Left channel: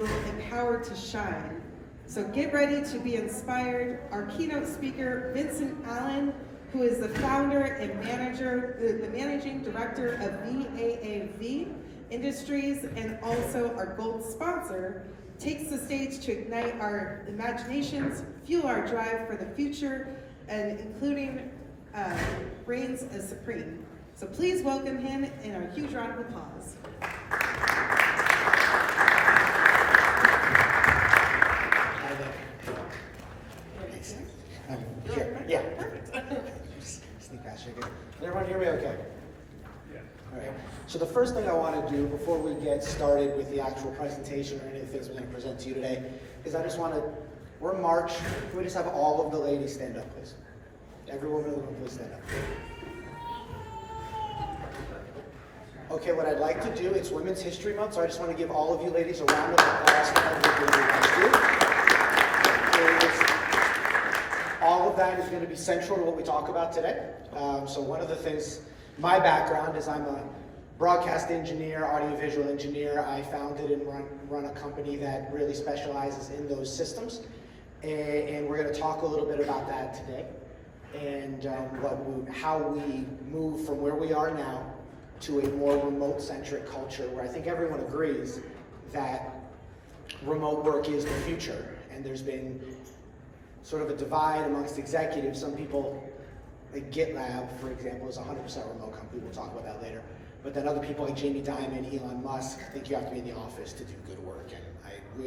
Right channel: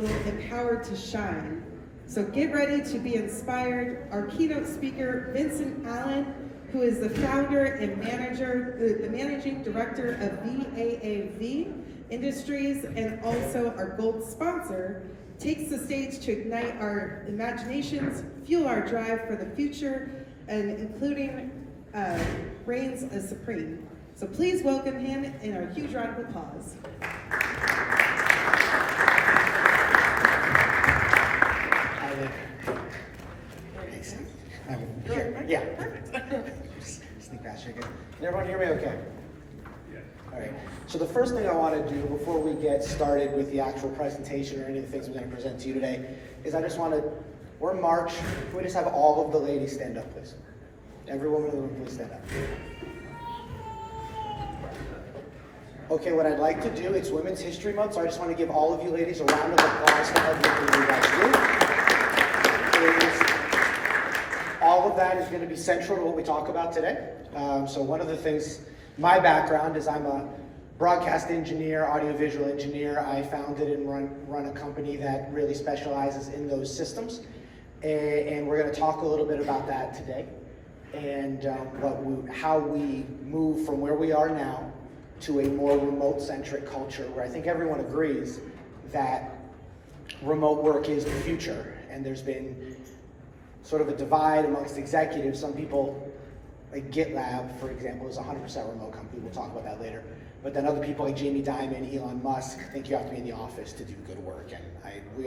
individual empowered to shine. So get ready to be inspired. Our keynote speaker, Vincent Allen, who is the founder and the managing director of VAAV Industries and also our gold sponsor, takes the stage to ignite our imaginations, fuel our drive for the future, and including reigns as supreme. So please welcome him in a huge round of applause. Yeah, perfect. Sneak past you again. Can everyone hear me okay? Yeah. All right. So the first thing I want to do before we get started with the actual presentation or any of the things we're going to present to you today is I just want to, we're in March, can we just have all of the ladies stand up, please? Every woman in the room, please stand up. Okay, what I'd like to do, it's Women's History Month, so I just want to give all of you ladies a round of applause for everything you guys do. All of that is going to be central to what we talk about today. So one of the things, my background is I'm a broadcast engineer, audiovisual engineer. I founded and run a company that really specializes in those systems. And we're going to talk a little bit about that today. And how we move from where we are now to a more remote-centric culture where I think everyone agrees that remote work is the future. And there's been sort of a divide amongst executives. Some people, like GitLab, for example, is a 100% remote company. We'll talk about that later. But then other people like Jamie Dimon, Elon Musk, think you have to be in the office to do good work. And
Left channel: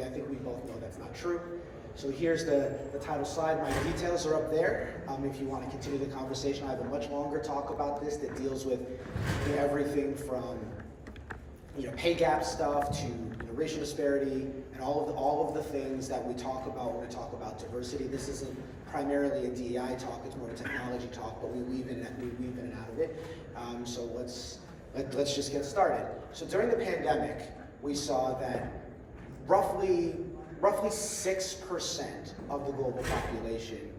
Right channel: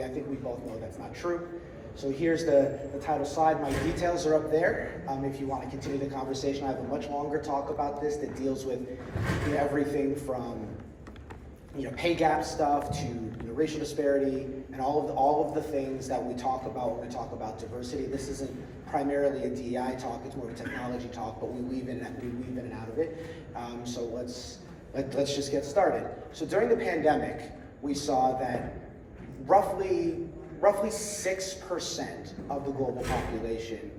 I think we both know that's not true. So here's the title slide. My details are up there. If you want to continue the conversation, I have a much longer talk about this that deals with everything from pay gap stuff to racial disparity and all of the things that we talk about when we talk about diversity. This isn't primarily a DEI talk; it's more a technology talk, but we weave in and out of it. So let's just get started. So during the pandemic, we saw that roughly 6% of the global population,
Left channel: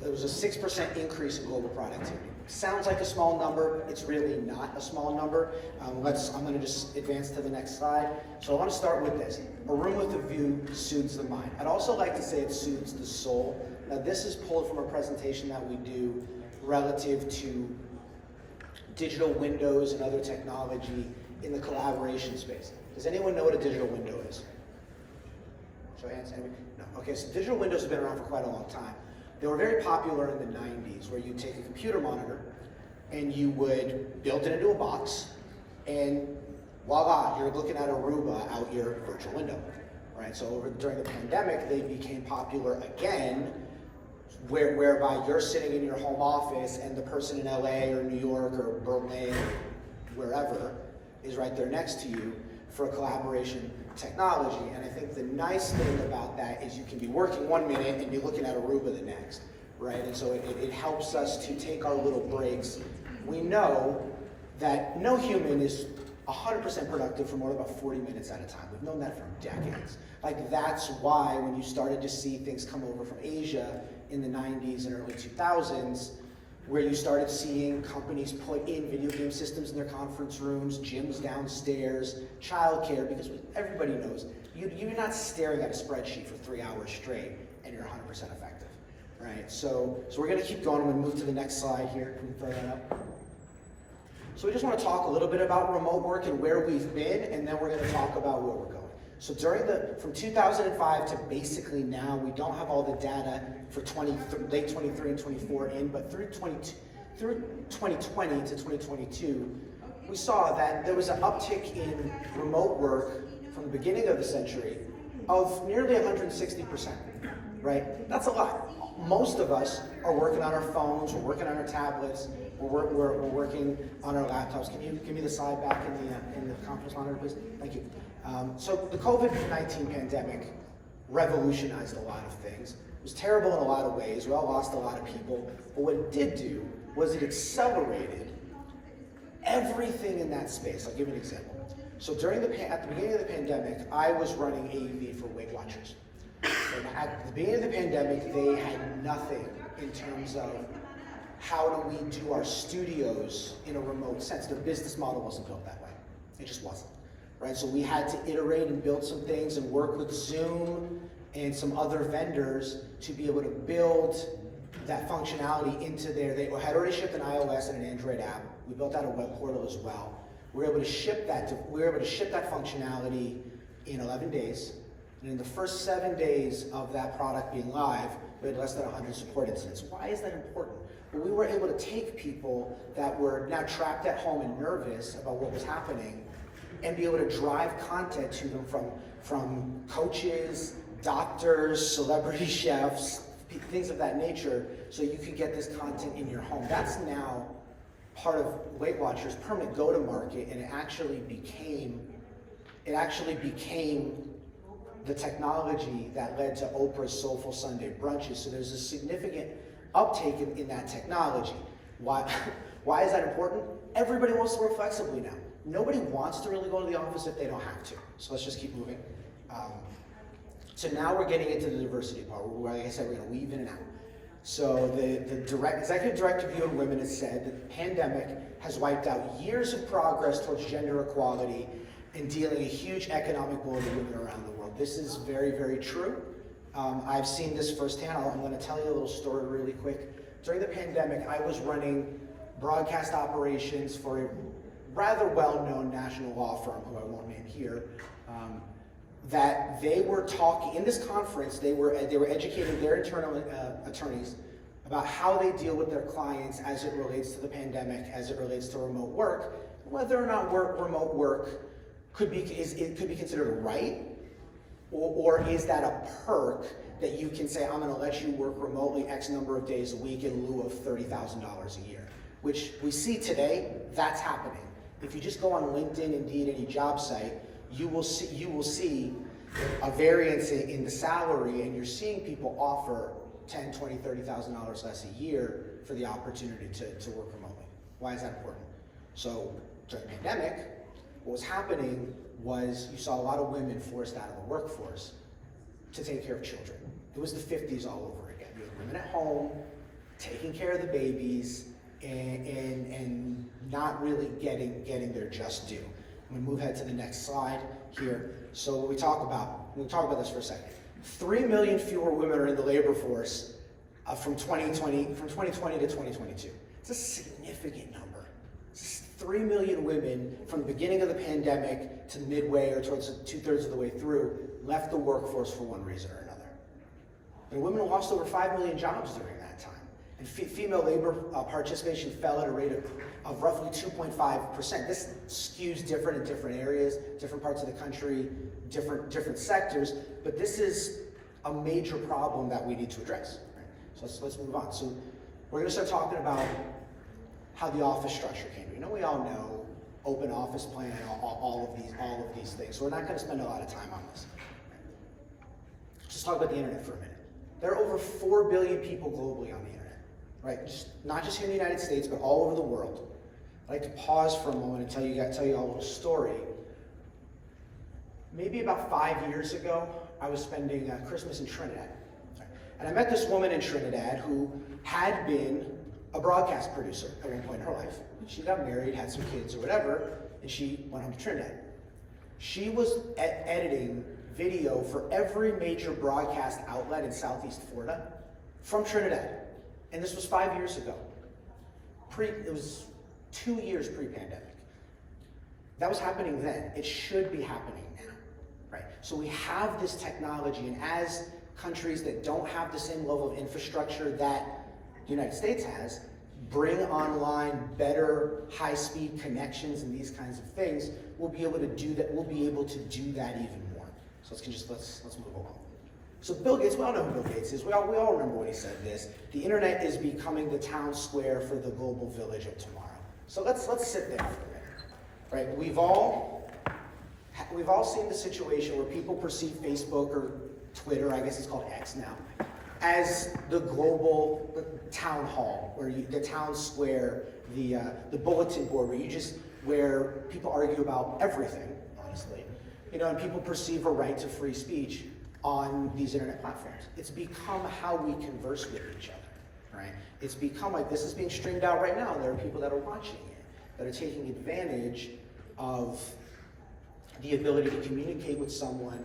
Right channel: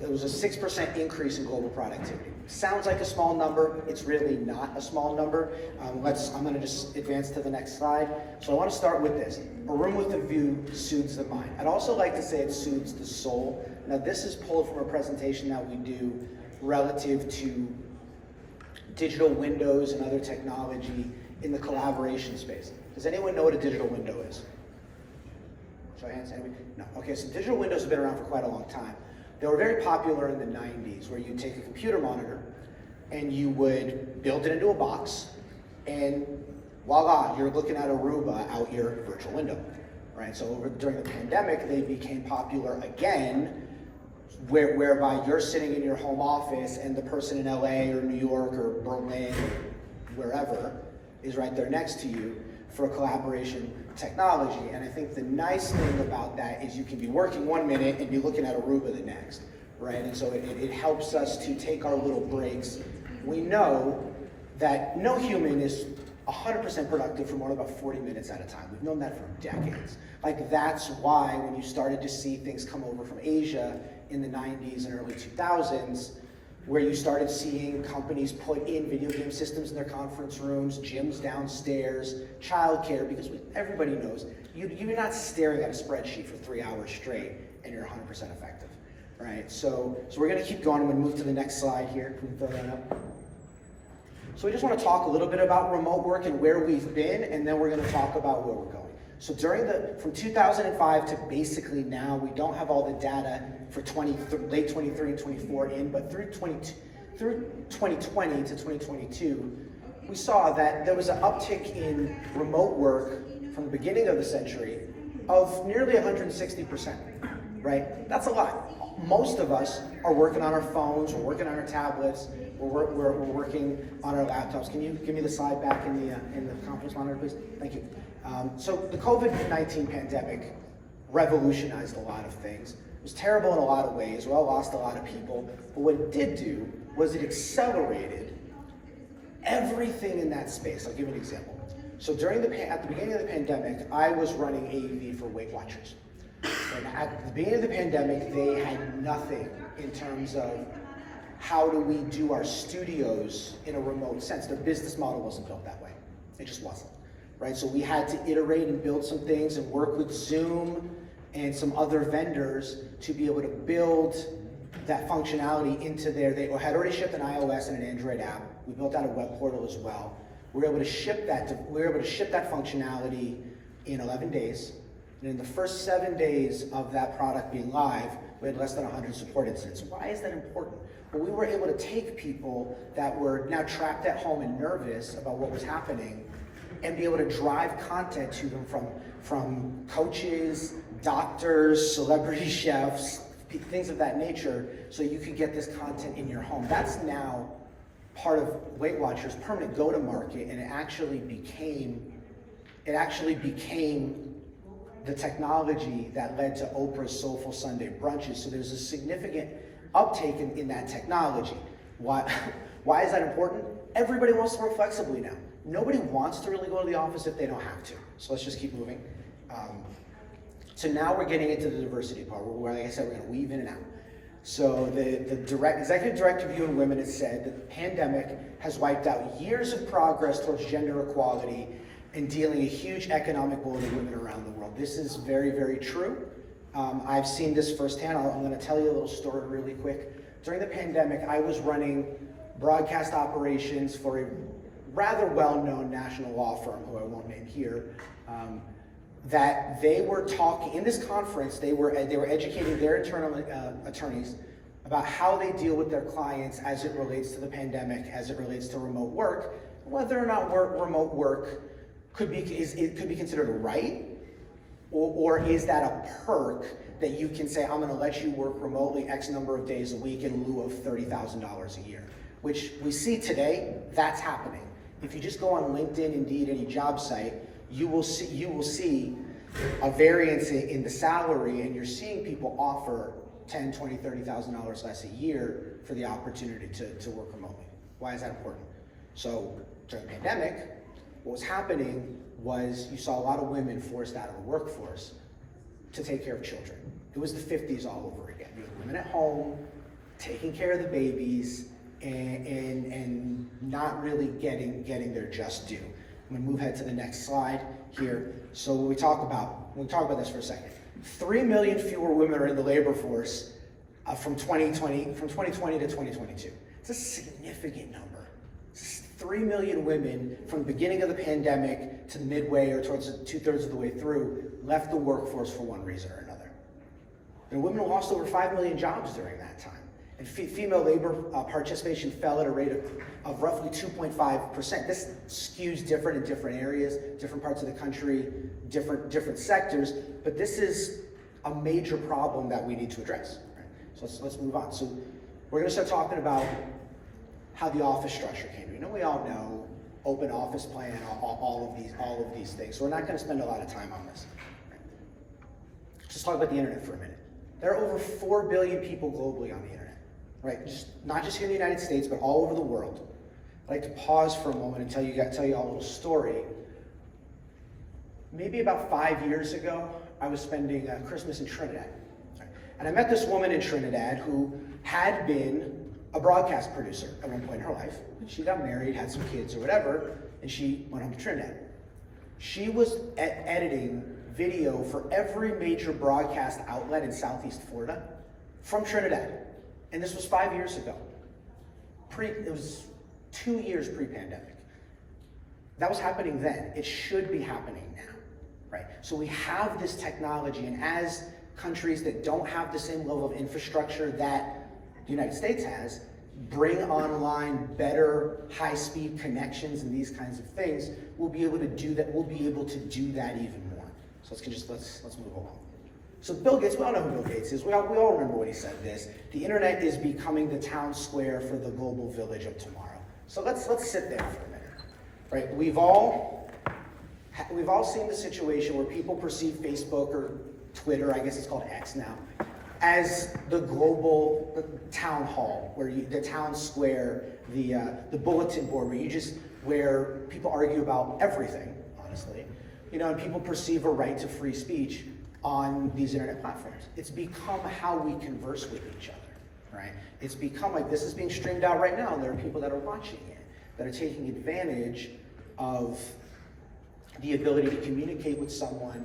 there was a 6% increase in global productivity. Sounds like a small number, it's really not a small number. I'm going to just advance to the next slide. So I want to start with this. A room with a view soothes the mind. I'd also like to say it soothes the soul. Now this is pulled from a presentation that we do relative to digital windows and other technology in the collaboration space. Does anyone know what a digital window is? Show hands? No. Okay, so digital windows have been around for quite a long time. They were very popular in the 90s, where you'd take a computer monitor and you would build it into a box, and voila, you're looking at Aruba out your virtual window, right? So during the pandemic, they became popular again, whereby you're sitting in your home office and the person in LA or New York or Berlin, wherever, is right there next to you for collaboration technology. And I think the nice thing about that is you can be working 1 minute and be looking at Aruba the next, right? And so it helps us to take our little breaks. We know that no human is 100% productive for more than about 40 minutes at a time. We've known that for decades. Like that's why when you started to see things come over from Asia in the 90s and early 2000s, where you started seeing companies put in video game systems in their conference rooms, gyms downstairs, childcare, because everybody knows you're not staring at a spreadsheet for 3 hours straight and you're 100% effective, right? So we're going to keep going. I'm going to move to the next slide here. Can we throw that up? So we just want to talk a little bit about remote work and where we've been, and then we're going to talk about where we're going. So from 2005 to basically now, we don't have all the data for late 23 and 24 in, but through 2020 to 2022, we saw that there was an uptick in remote work from the beginning of the century of nearly 160%, right? That's a lot. Most of us are working on our phones, we're working on our tablets, we're working on our laptops. Can you give me the slide back in the conference monitor, please? Thank you. So the COVID-19 pandemic revolutionized a lot of things. It was terrible in a lot of ways. We all lost a lot of people. But what it did do was it accelerated everything in that space. I'll give you an example. So at the beginning of the pandemic, I was running AV for Weight Watchers. And at the beginning of the pandemic, they had nothing in terms of how do we do our studios in a remote sense. Their business model wasn't built that way. It just wasn't. right? So we had to iterate and build some things and work with Zoom and some other vendors to be able to build that functionality into there. They had already shipped an iOS and an Android app. We built out a web portal as well. We were able to ship that functionality in 11 days. And in the first 7 days of that product being live, we had less than 100 support incidents. Why is that important? Well, we were able to take people that were now trapped at home and nervous about what was happening and be able to drive content to them from coaches, doctors, celebrity chefs, things of that nature, so you could get this content in your home. That's now part of Weight Watchers' permanent go-to-market, and it actually became the technology that led to Oprah's Soulful Sunday brunches. So there's a significant uptake in that technology. Why is that important? Everybody wants to work flexibly now. Nobody wants to really go to the office if they don't have to. So let's just keep moving. So now we're getting into the diversity part, where, like I said, we're going to weave in and out. So the executive director of UN Women has said that the pandemic has wiped out years of progress towards gender equality and dealing a huge economic blow to women around the world. This is very, very true. I've seen this firsthand. I'm going to tell you a little story really quick. During the pandemic, I was running broadcast operations for a rather well-known national law firm, who I won't name here, that they were talking, in this conference, they were educating their internal attorneys about how they deal with their clients as it relates to the pandemic, as it relates to remote work, whether or not remote work could be considered a right, or is that a perk that you can say, I'm gonna let you work remotely X number of days a week in lieu of $30,000 a year, which we see today, that's happening. If you just go on LinkedIn, Indeed, any job site, you will see a variance in the salary, and you're seeing people offer $10, $20, $30,000 less a year for the opportunity to work remotely. Why is that important? So during the pandemic, what was happening was you saw a lot of women forced out of the workforce to take care of children. It was the 50s all over again. You had women at home, taking care of the babies, and not really getting their just due. I'm gonna move ahead to the next slide here. So we'll talk about this for a second. 3 million fewer women are in the labor force from 2020 to 2022. It's a significant number. 3 million women from the beginning of the pandemic to midway or towards 2/3 of the way through left the workforce for one reason or another. And women lost over 5 million jobs during that time. And female labor participation fell at a rate of roughly 2.5%. This skews different in different areas, different parts of the country, different sectors, but this is a major problem that we need to address. Right? So let's move on. So we're gonna start talking about how the office structure came. We all know open office plan, all of these things. So we're not going to spend a lot of time on this. Just talk about the internet for a minute. There are over 4 billion people globally on the internet, right? Not just here in the United States, but all over the world. I'd like to pause for a moment and tell you all a little story. Maybe about 5 years ago, I was spending Christmas in Trinidad. And I met this woman in Trinidad who had been a broadcast producer at one point in her life. She got married, had some kids or whatever, and she went home to Trinidad. She was editing video for every major broadcast outlet in Southeast Florida from Trinidad. And this was 5 years ago. It was 2 years pre-pandemic. That was happening then. It should be happening now, right? So we have this technology, and as countries that don't have the same level of infrastructure that the United States has, bring online better high-speed connections and these kinds of things, we'll be able to do that. We'll be able to do that even more. So let's move along. So Bill Gates, we all know who Bill Gates is. We all remember when he said this. The internet is becoming the town square for the global village of tomorrow. So let's sit there for a minute, right? We've all seen the situation where people perceive Facebook or Twitter, I guess it's called X now, as the global town hall, the town square, the bulletin board, where people argue about everything, honestly, and people perceive a right to free speech on these internet platforms. It's become how we converse with each other, right? It's become like this is being streamed out right now, and there are people that are watching it, that are taking advantage of the ability to communicate with someone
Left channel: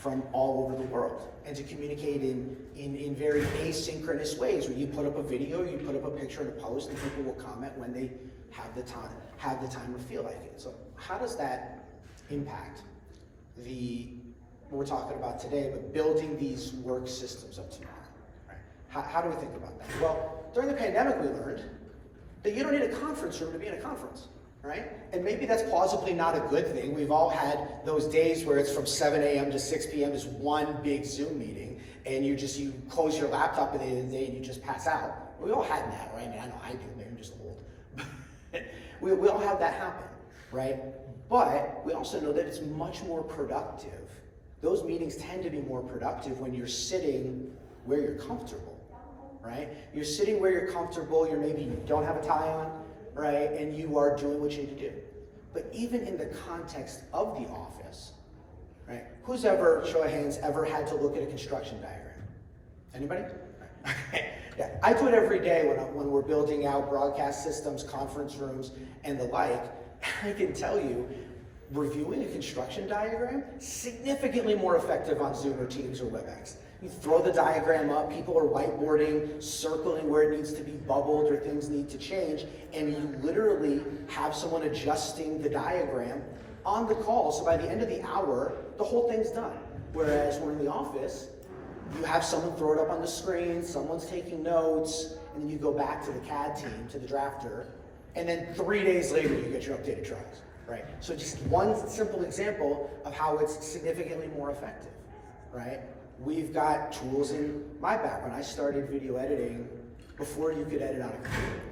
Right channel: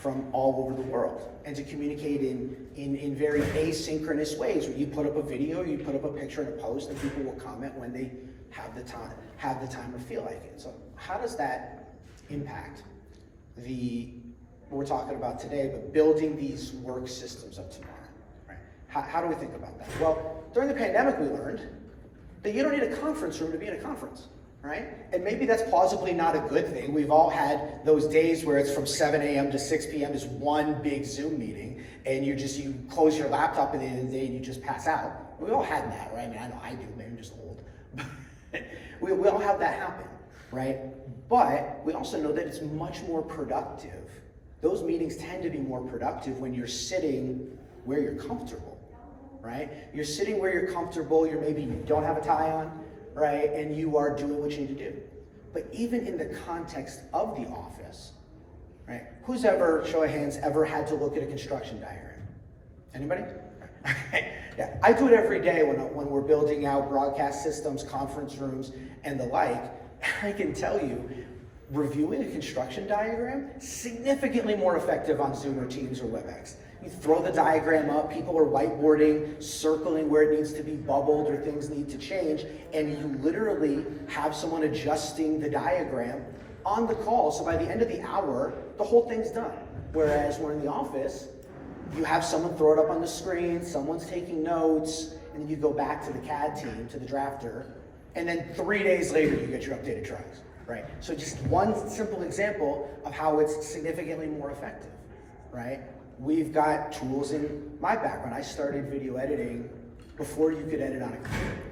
from all over the world, and to communicate in very asynchronous ways, where you put up a video, you put up a picture and a post, and people will comment when they have the time or feel like it. So how does that impact what we're talking about today, but building these work systems of tomorrow? Right? How do we think about that? Well, during the pandemic, we learned that you don't need a conference room to be in a conference. Right? And maybe that's plausibly not a good thing. We've all had those days where it's from 7 a.m. to 6 p.m. is one big Zoom meeting, and you close your laptop at the end of the day and you just pass out. We all had that, right? I mean, I know I do, maybe I'm just old. we all have that happen, right? But we also know that it's much more productive. Those meetings tend to be more productive when you're sitting where you're comfortable, right? You're sitting where you're comfortable, you don't have a tie on, right? And you are doing what you need to do. But even in the context of the office, right? Who's ever, show of hands, ever had to look at a construction diagram? Anybody? Yeah, I do it every day when we're building out broadcast systems, conference rooms, and the like. I can tell you, reviewing a construction diagram, significantly more effective on Zoom or Teams or WebEx. You throw the diagram up, people are whiteboarding, circling where it needs to be bubbled or things need to change, and you literally have someone adjusting the diagram on the call, so by the end of the hour, the whole thing's done. Whereas when in the office, you have someone throw it up on the screen, someone's taking notes, and then you go back to the CAD team, to the drafter, and then 3 days later, you get your updated drawings, right? So just one simple example of how it's significantly more effective, right? We've got tools in my background. I started video editing before you could edit on a computer,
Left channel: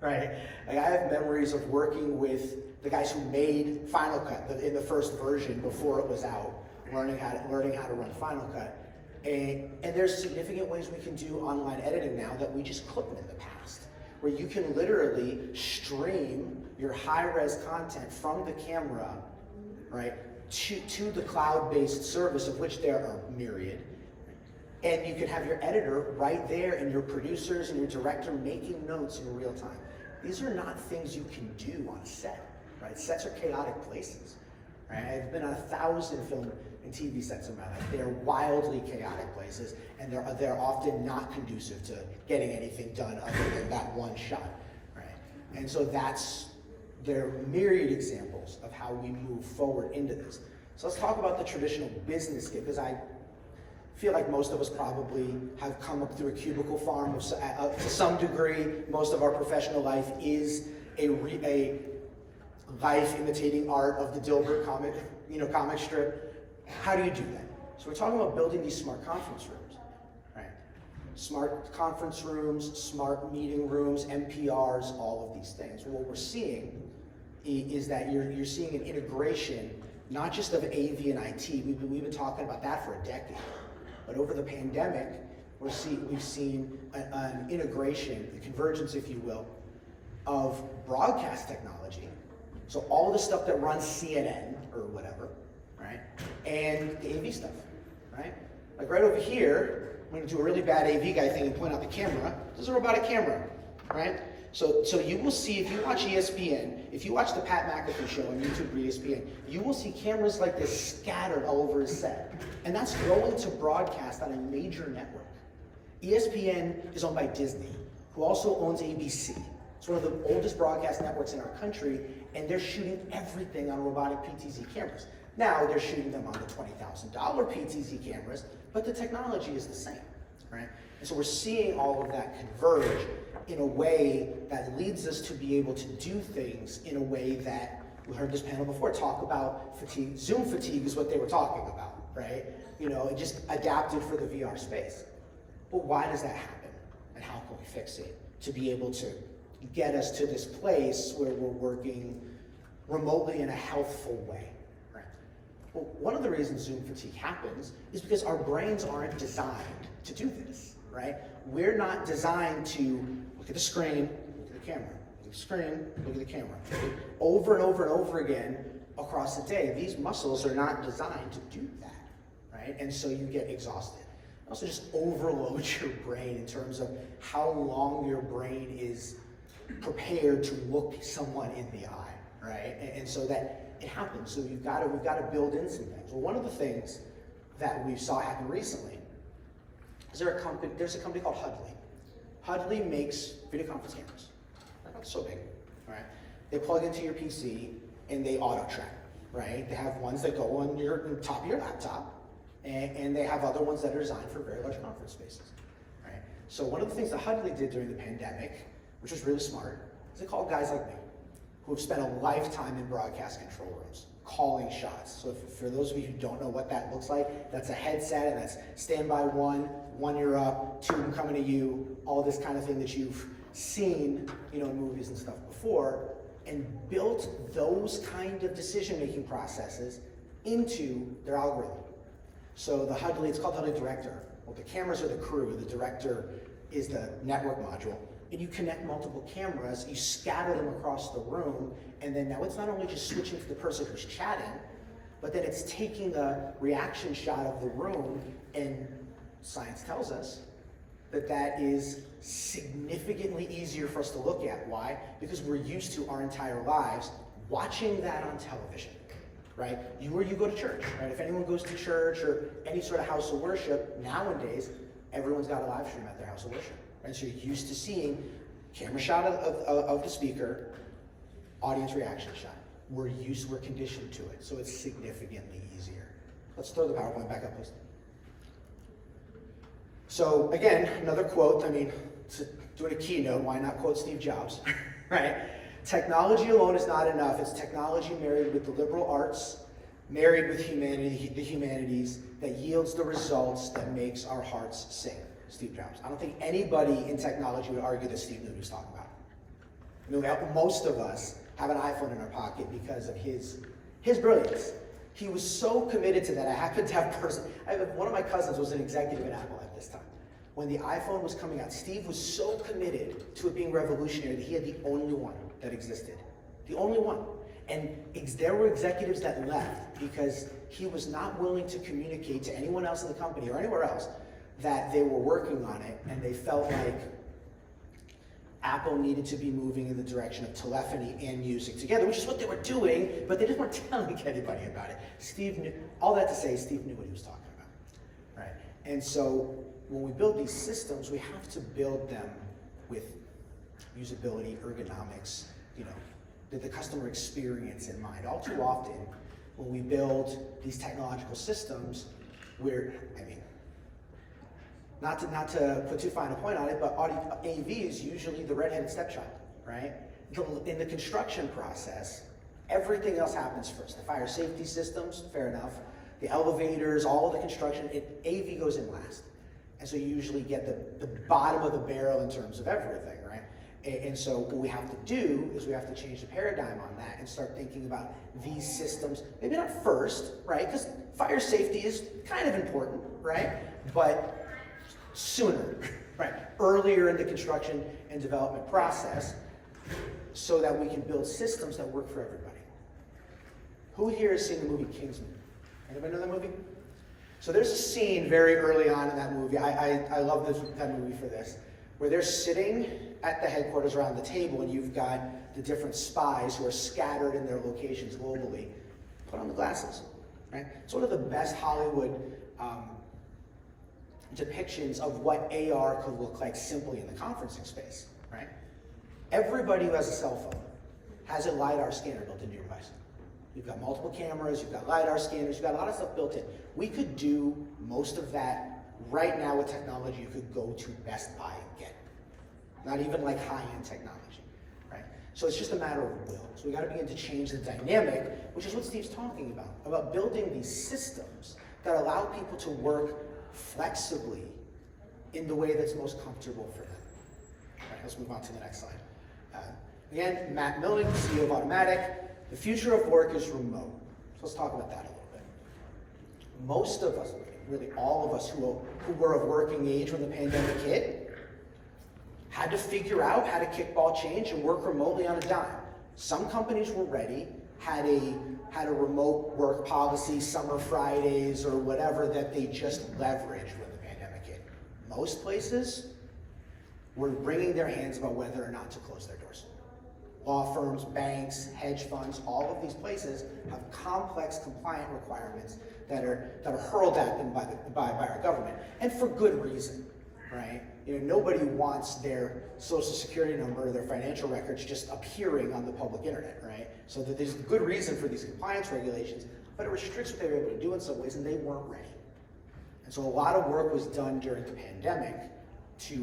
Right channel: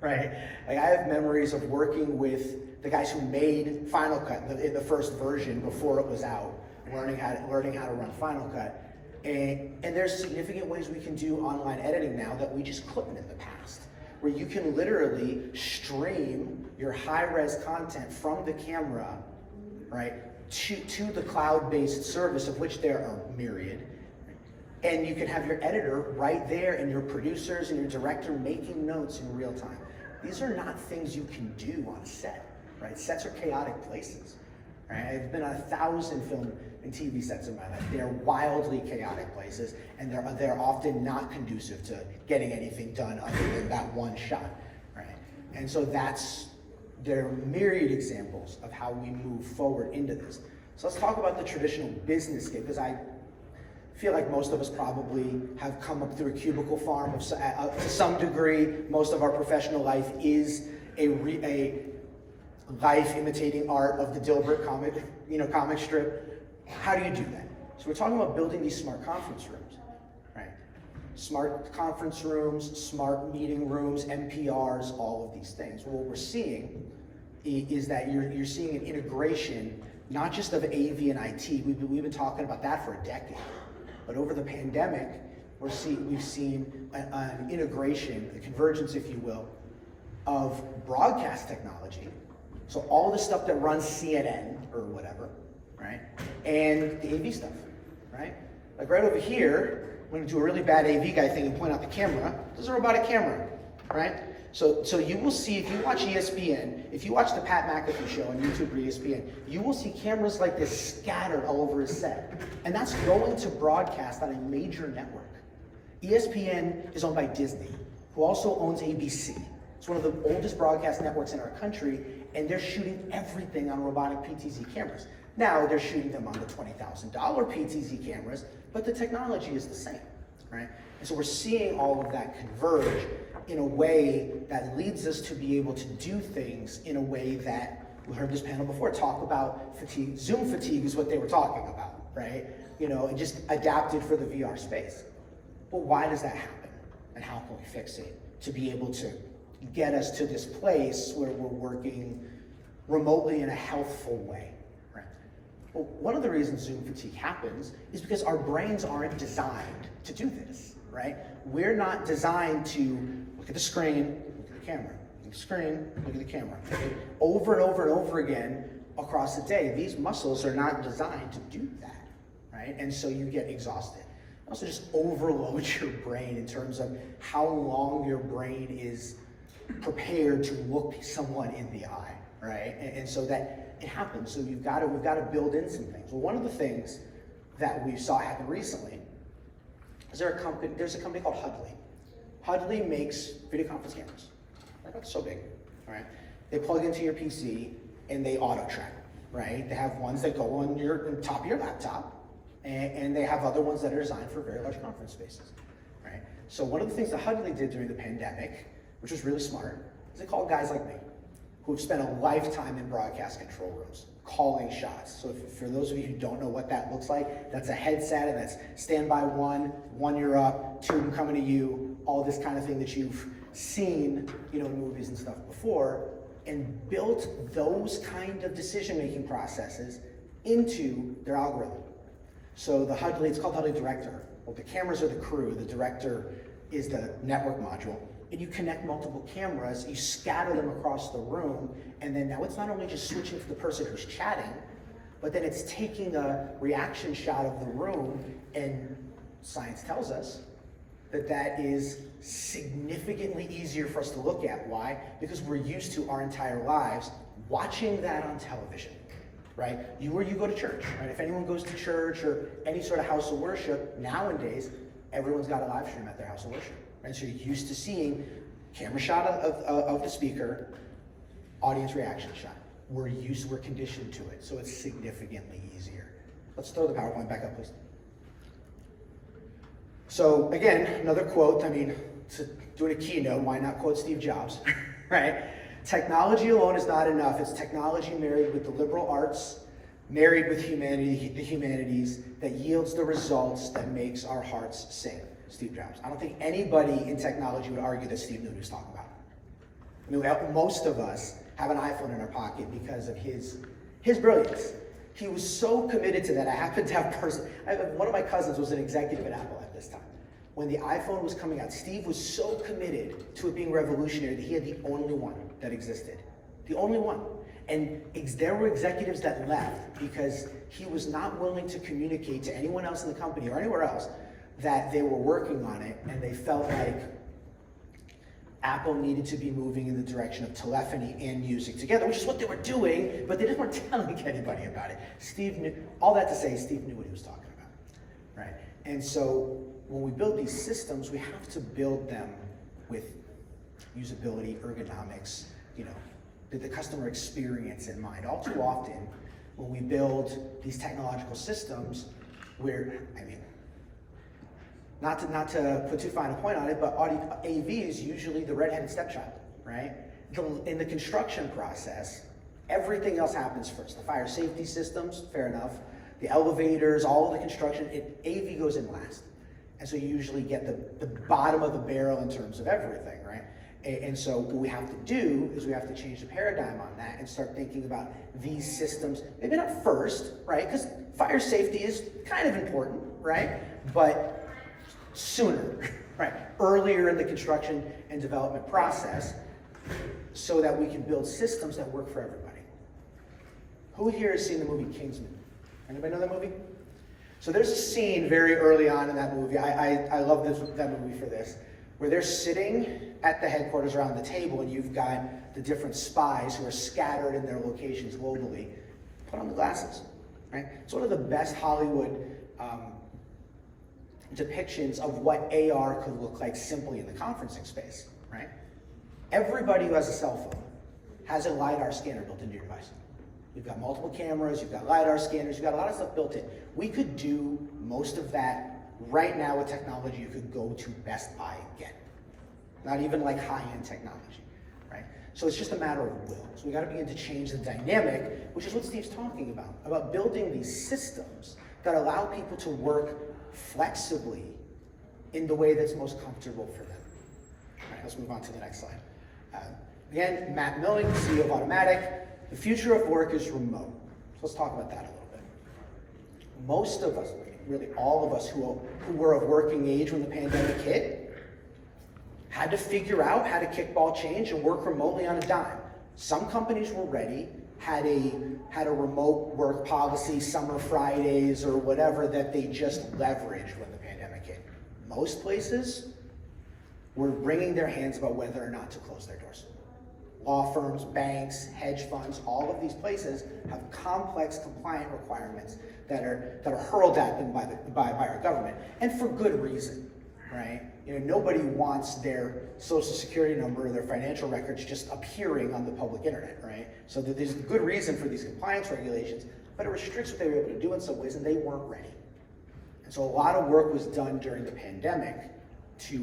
right? Like, I have memories of working with the guys who made Final Cut in the first version before it was out, learning how to run Final Cut. And there's significant ways we can do online editing now that we just couldn't in the past, where you can literally stream your high-res content from the camera, right, to the cloud-based service, of which there are myriad, and you can have your editor right there and your producers and your director making notes in real time. These are not things you can do on set, right? Sets are chaotic places, right? I've been on 1,000 film and TV sets in my life. They're wildly chaotic places, and they're often not conducive to getting anything done other than that one shot, right? And so there are myriad examples of how we move forward into this. So let's talk about the traditional business gig, because I feel like most of us probably have come up through a cubicle farm to some degree. Most of our professional life is a life imitating art of the Dilbert comic strip. How do you do that? So we're talking about building these smart conference rooms, right? Smart conference rooms, smart meeting rooms, MPRs, all of these things. Well, what we're seeing is that you're seeing an integration, not just of AV and IT. We've been talking about that for a decade. But over the pandemic, we've seen an integration, a convergence, if you will, of broadcast technology. So all the stuff that runs CNN or whatever, right? And the AV stuff, right? Like right over here, when you do a really bad AV guy thing and point out the camera, this is a robotic camera, right? So you will see, if you watch ESPN, if you watch the Pat McAfee show on YouTube or ESPN, you will see cameras like this scattered all over his set. And that's going to broadcast on a major network. ESPN is owned by Disney, who also owns ABC. It's one of the oldest broadcast networks in our country, and they're shooting everything on robotic PTZ cameras. Now they're shooting them on the $20,000 PTZ cameras, but the technology is the same, right? And so we're seeing all of that converge in a way that leads us to be able to do things in a way that, we heard this panel before talk about fatigue. Zoom fatigue is what they were talking about, right? And just adapted for the VR space. But why does that happen? And how can we fix it to be able to get us to this place where we're working remotely in a healthful way, right? Well, one of the reasons Zoom fatigue happens is because our brains aren't designed to do this, right? We're not designed to look at the screen, look at the camera, look at the screen, look at the camera. Over and over and over again across the day, these muscles are not designed to do that, right? And so you get exhausted. It also just overloads your brain in terms of how long your brain is prepared to look someone in the eye, right? And so that it happens. So we've got to build in some things. Well, one of the things that we saw happen recently is there's a company called Hudley. Hudley makes video conference cameras. They're not so big, all right? They plug into your PC and they auto track, right? They have ones that go on the top of your laptop, and they have other ones that are designed for very large conference spaces, right? So one of the things that Hudley did during the pandemic, which was really smart, is they called guys like me, who have spent a lifetime in broadcast control rooms, calling shots. So for those of you who don't know what that looks like, that's a headset, and that's standby one you're up, two I'm coming to you, all this kind of thing that you've seen, in movies and stuff before, and built those kind of decision-making processes into their algorithm. So it's called Hudley Director. Well, the cameras are the crew, the director is the network module, and you connect multiple cameras, you scatter them across the room, and then now it's not only just switching to the person who's chatting, but then it's taking a reaction shot of the room, and science tells us that is significantly easier for us to look at. Why? Because we're used to our entire lives watching that on television, right? Where you go to church, right? If anyone goes to church or any sort of house of worship, nowadays, everyone's got a live stream at their house of worship, right? So you're used to seeing camera shot of the speaker, audience reaction shot. We're conditioned to it, so it's significantly easier. Let's throw the PowerPoint back up, please. So again, another quote, doing a keynote, why not quote Steve Jobs, right? Technology alone is not enough. It's technology married with the liberal arts, married with the humanities, that yields the results that makes our hearts sing. Steve Jobs. I don't think anybody in technology would argue that Steve knew what he was talking about. Most of us have an iPhone in our pocket because of his brilliance. He was so committed to that. I happen to have one of my cousins was an executive at Apple at this time. When the iPhone was coming out, Steve was so committed to it being revolutionary that he had the only one that existed. The only one. And there were executives that left because he was not willing to communicate to anyone else in the company or anywhere else that they were working on it, and they felt like Apple needed to be moving in the direction of telephony and music together, which is what they were doing, but they just weren't telling anybody about it. Steve knew, all that to say, Steve knew what he was talking about, right? And so when we build these systems, we have to build them with usability, ergonomics, the customer experience in mind. All too often, when we build these technological systems, not to put too fine a point on it, but AV is usually the redheaded stepchild, right? In the construction process, everything else happens first. The fire safety systems, fair enough. The elevators, all of the construction, AV goes in last. And so you usually get the bottom of the barrel in terms of everything, right? And so what we have to do is we have to change the paradigm on that and start thinking about these systems, maybe not first, right? Because fire safety is kind of important, right? But sooner, right? Earlier in the construction and development process, so that we can build systems that work for everybody. Who here has seen the movie Kingsman? Anybody know that movie? So there's a scene very early on in that movie, I love that movie for this, where they're sitting at the headquarters around the table, and you've got the different spies who are scattered in their locations globally. Put on the glasses, right? It's one of the best Hollywood depictions of what AR could look like simply in the conferencing space, right? Everybody who has a cell phone has a LiDAR scanner built into your device. You've got multiple cameras, you've got LiDAR scanners, you've got a lot of stuff built in. We could do most of that right now with technology. You could go to Best Buy and get. Not even like high-end technology, right? So it's just a matter of will. So we gotta begin to change the dynamic, which is what Steve's talking about building these systems that allow people to work flexibly in the way that's most comfortable for them. All right, let's move on to the next slide. Again, Matt Milling, CEO of Automatic. The future of work is remote. So let's talk about that a little bit. Most of us, really all of us who were of working age when the pandemic hit, had to figure out how to kickball change and work remotely on a dime. Some companies were ready, had a remote work policy, summer Fridays or whatever that they just leveraged when the pandemic hit. Most places were wringing their hands about whether or not to close their doors. law firms, banks, hedge funds, all of these places have complex compliant requirements that are hurled at them by our government, and for good reason, right? Nobody wants their social security number or their financial records just appearing on the public internet, right? So there's a good reason for these compliance regulations, but it restricts what they were able to do in some ways, and they weren't ready. And so a lot of work was done during the pandemic to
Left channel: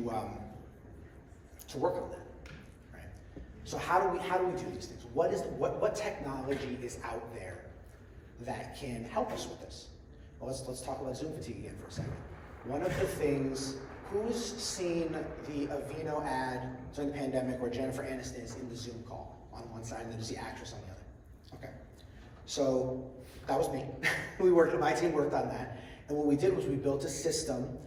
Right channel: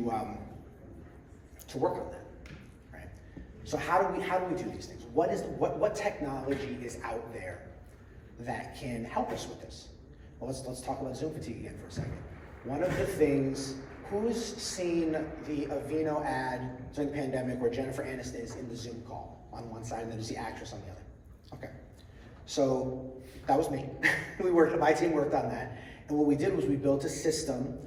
work on that, right? So how do we do these things? What technology is out there that can help us with this? Well, let's talk about Zoom fatigue again for a second. One of the things, who's seen the Aveeno ad during the pandemic where Jennifer Aniston is in the Zoom call on one side and then there's the actress on the other? Okay, so that was me. My team worked on that, and what we did was we built a system.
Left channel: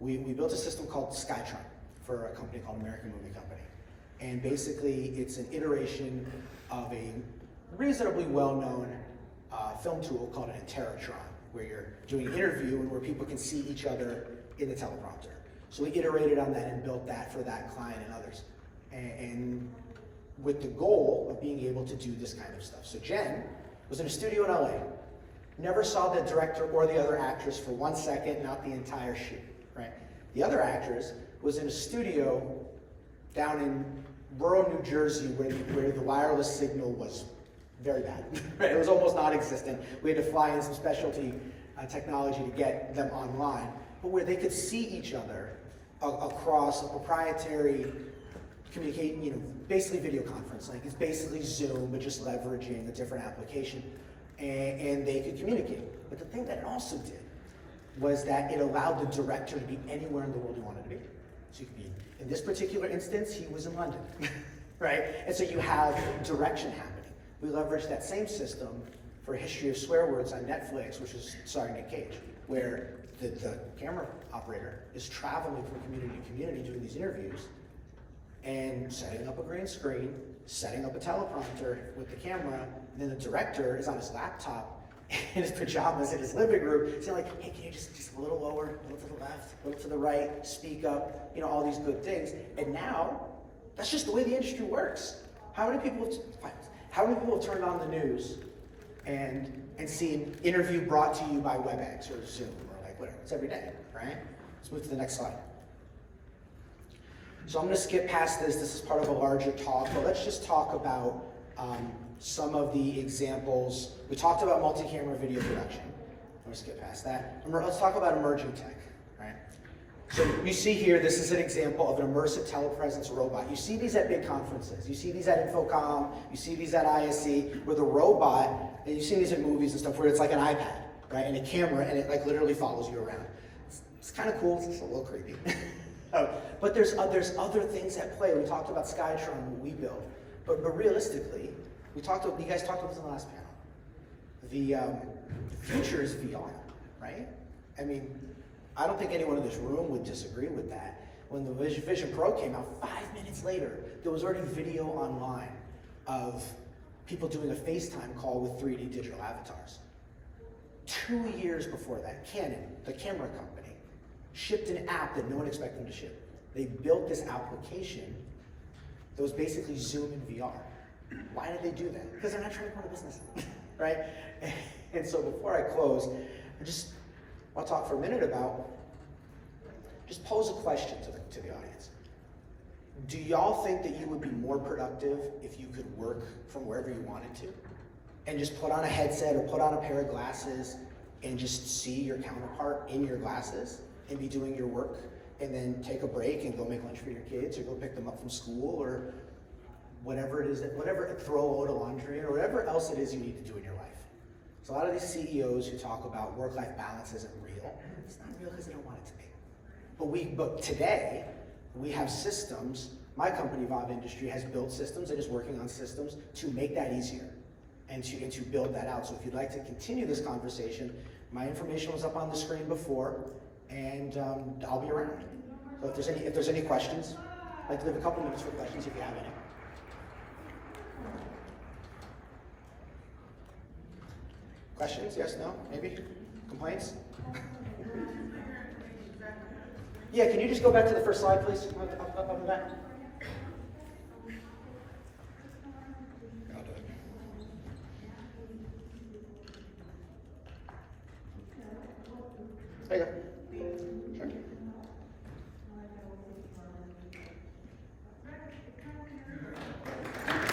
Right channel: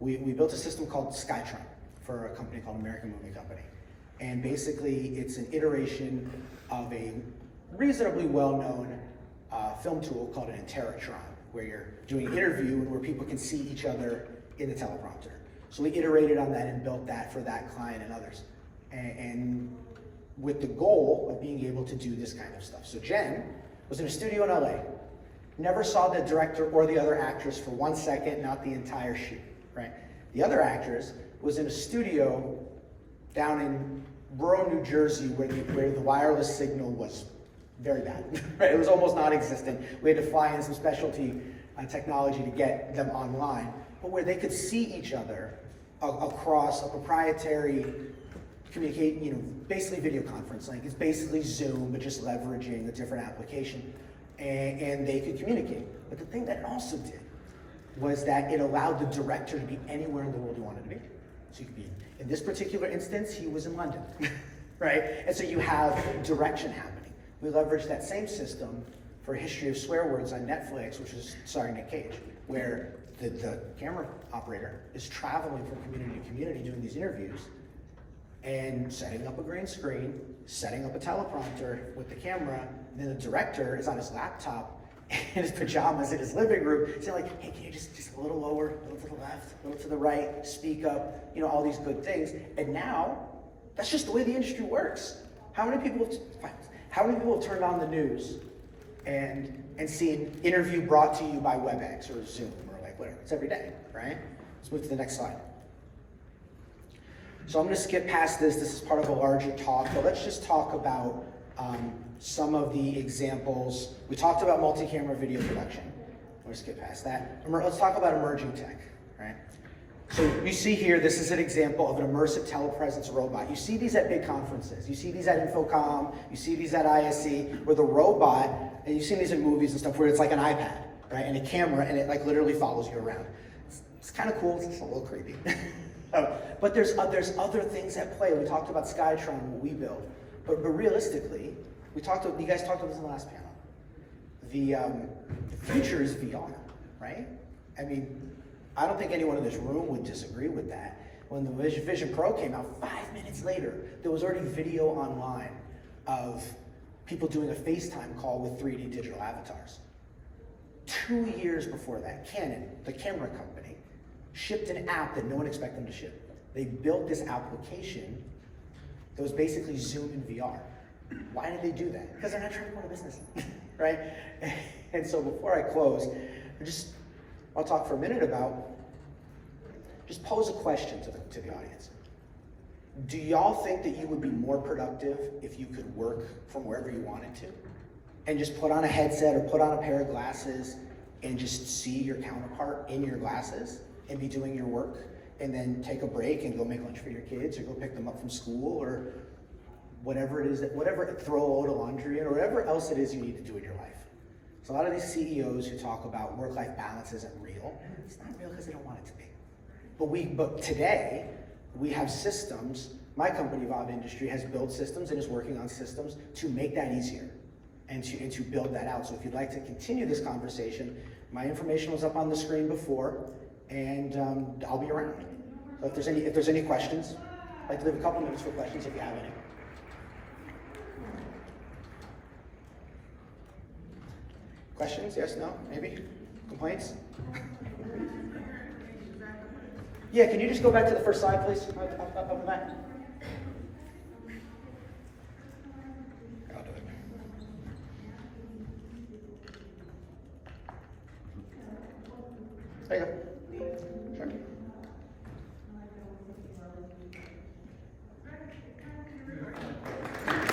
We built a system called Skytron for a company called American Movie Company, and basically it's an iteration of a reasonably well-known film tool called an Internet2.0Conf, where you're doing an interview where people can see each other in the teleprompter. So we iterated on that and built that for that client and others, and with the goal of being able to do this kind of stuff. So Jen was in a studio in LA, never saw the director or the other actress for 1 second, not the entire shoot, right? The other actress was in a studio down in rural New Jersey where the wireless signal was very bad, right? It was almost non-existent. We had to fly in some specialty technology to get them online, but where they could see each other across a proprietary basically video conference. Like it's basically Zoom, but just leveraging a different application, and they could communicate. But the thing that it also did was that it allowed the director to be anywhere in the world he wanted to be. So you could be, in this particular instance, he was in London, right? And so you have direction happening. We leveraged that same system for History of Swear Words on Netflix, which was starring Nick Cage, where the camera operator is traveling from community to community doing these interviews and setting up a green screen, setting up a teleprompter with the camera, and then the director is on his laptop in his pajamas in his living room saying like, hey, can you just a little lower, a little to the left, a little to the right, speak up, all these good things. And now, that's just the way the industry works. How many people have turned on the news and seen interview brought to you by WebEx or Zoom or like whatever? It's every day, right? Let's move to the next slide. So I'm going to skip past this. This is part of a larger talk, but let's just talk about some of the examples. We talked about multi-camera video production. I'm going to skip past that. Let's talk about emerging tech, right? So you see here, this is an example of an immersive telepresence robot. You see these at big conferences. You see these at Infocom. You see these at ISE, where the robot, and you've seen these in movies and stuff, where it's like an iPad, right, and a camera, and it like literally follows you around. It's kind of cool. It's a little creepy. But there's other things at play. We talked about Skytron, what we build, but realistically, you guys talked about this in the last panel. The future is VR, right? I mean, I don't think anyone in this room would disagree with that. When the Vision Pro came out, 5 minutes later, there was already video online of people doing a FaceTime call with 3D digital avatars. 2 years before that, Canon, the camera company, shipped an app that no one expected them to ship. They built this application that was basically Zoom in VR. Why did they do that? Because they're not trying to grow a business, right? And so before I close, I'll talk for a minute about, just pose a question to the audience. Do y'all think that you would be more productive if you could work from wherever you wanted to? And just put on a headset or put on a pair of glasses and just see your counterpart in your glasses and be doing your work, and then take a break and go make lunch for your kids or go pick them up from school or whatever it is, throw a load of laundry or whatever else it is you need to do in your life. So a lot of these CEOs who talk about work-life balance isn't real. It's not real because they don't want it to be. But today, we have systems. My company, VAAV Industries, has built systems and is working on systems to make that easier and to build that out. So if you'd like to continue this conversation, my information was up on the screen before, and I'll be around. So if there's any questions, I'd like to leave a couple minutes for questions if you have any. Questions? Yes, no, maybe? Complaints? Yeah, can you just go back to the first slide, please? Up on that. Sure.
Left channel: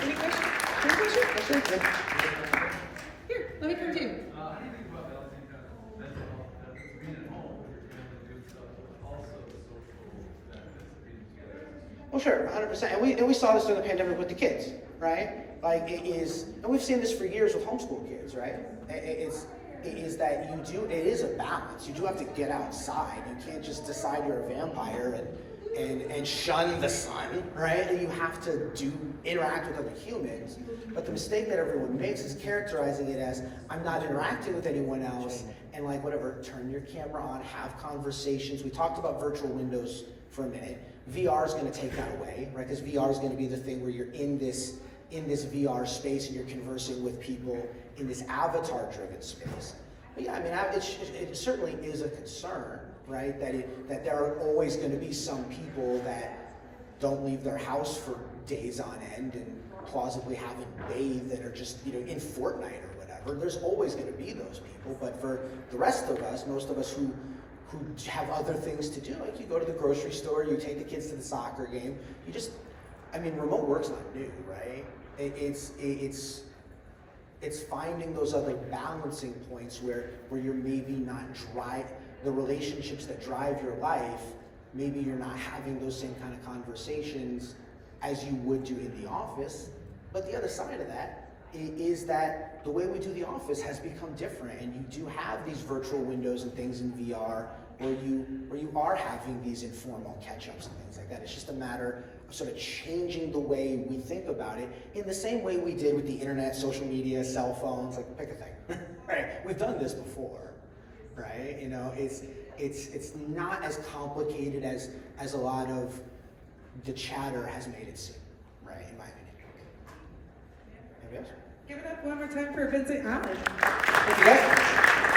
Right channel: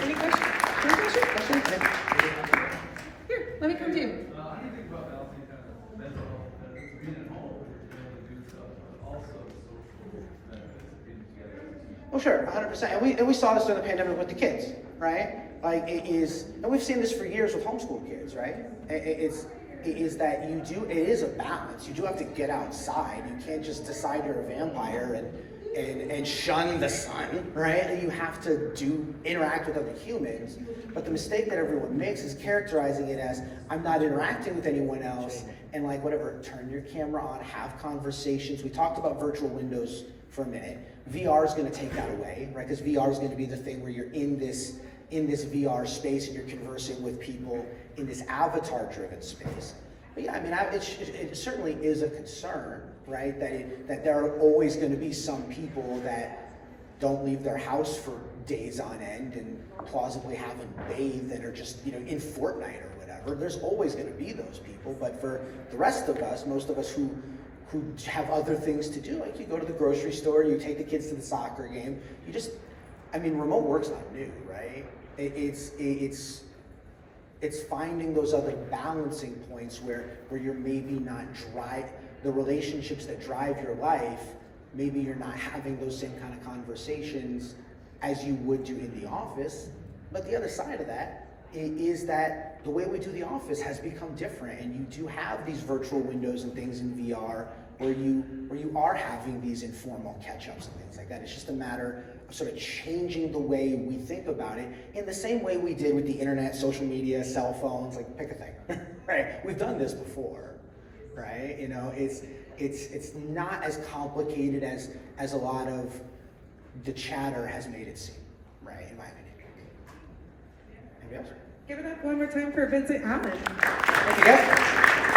Any questions? Any questions? Here, let me come to you. How do you think about balancing kind of mental health benefits, being at home, where you're able to do stuff, but also the social benefits of being together? Well, sure, 100%. And we saw this during the pandemic with the kids, right? Like it is, and we've seen this for years with homeschool kids, right? It is that it is a balance. You do have to get outside. You can't just decide you're a vampire and shun the sun, right? You have to interact with other humans. But the mistake that everyone makes is characterizing it as, I'm not interacting with anyone else, and like whatever, turn your camera on, have conversations. We talked about virtual windows for a minute. VR is going to take that away, right? Because VR is going to be the thing where you're in this VR space and you're conversing with people in this avatar-driven space. But yeah, I mean, it certainly is a concern, right? That there are always going to be some people that don't leave their house for days on end and plausibly haven't bathed and are just, in Fortnite or whatever. There's always going to be those people, but for the rest of us, most of us who have other things to do, like you go to the grocery store, you take the kids to the soccer game, remote work's not new, right? It's finding those other balancing points where you're maybe not the relationships that drive your life, maybe you're not having those same kind of conversations as you would do in the office. But the other side of that is that the way we do the office has become different, and you do have these virtual windows and things in VR where you are having these informal catch-ups and things like that. It's just a matter of sort of changing the way we think about it in the same way we did with the internet, social media, cell phones, like pick a thing, right? We've done this before, right? It's not as complicated as a lot of the chatter has made it seem, right? In my opinion. Anybody else? Give it up one more time for Vincent Allen. Thank you.